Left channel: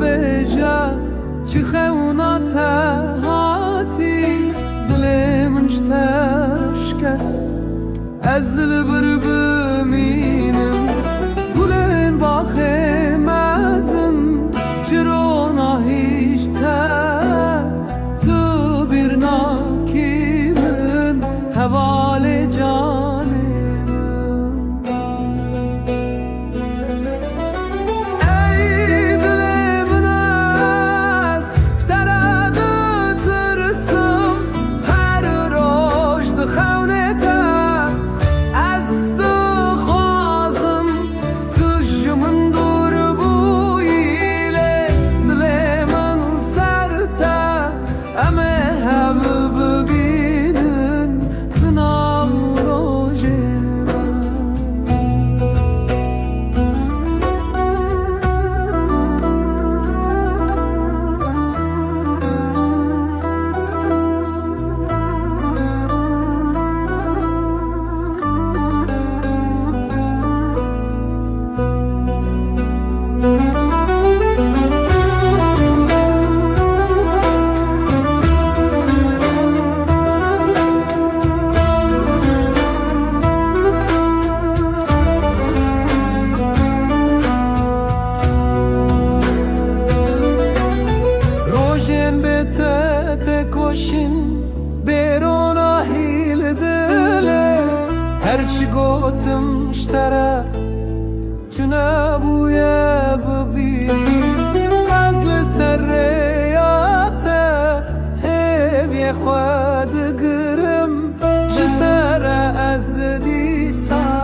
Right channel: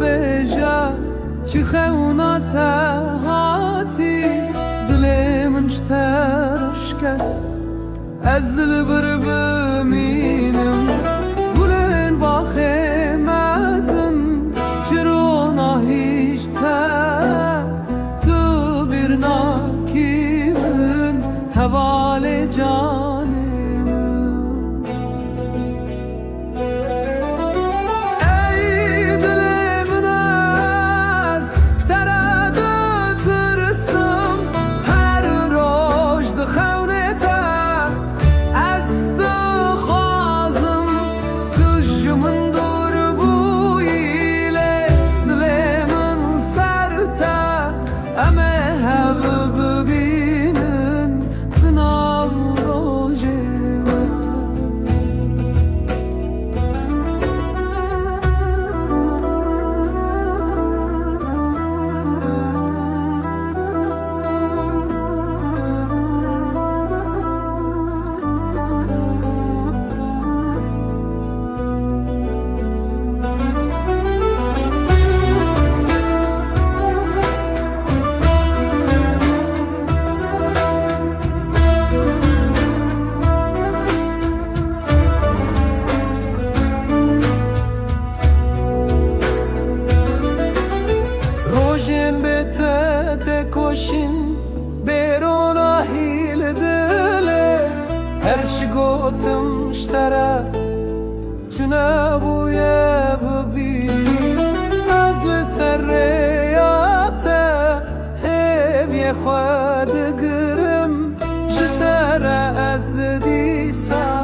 ببیجه چی خونات هاتی دل من شترش کست از دل بر بمینم گلن باخه مزن چرا نهیش تو بیر ناکی من حوال جانم روشن به تکوشین بیرون آهیل دله هر چی گوتم شتره چونه بویه ببیری از لسر ریاته هیوی خود گرم جتره از دی سا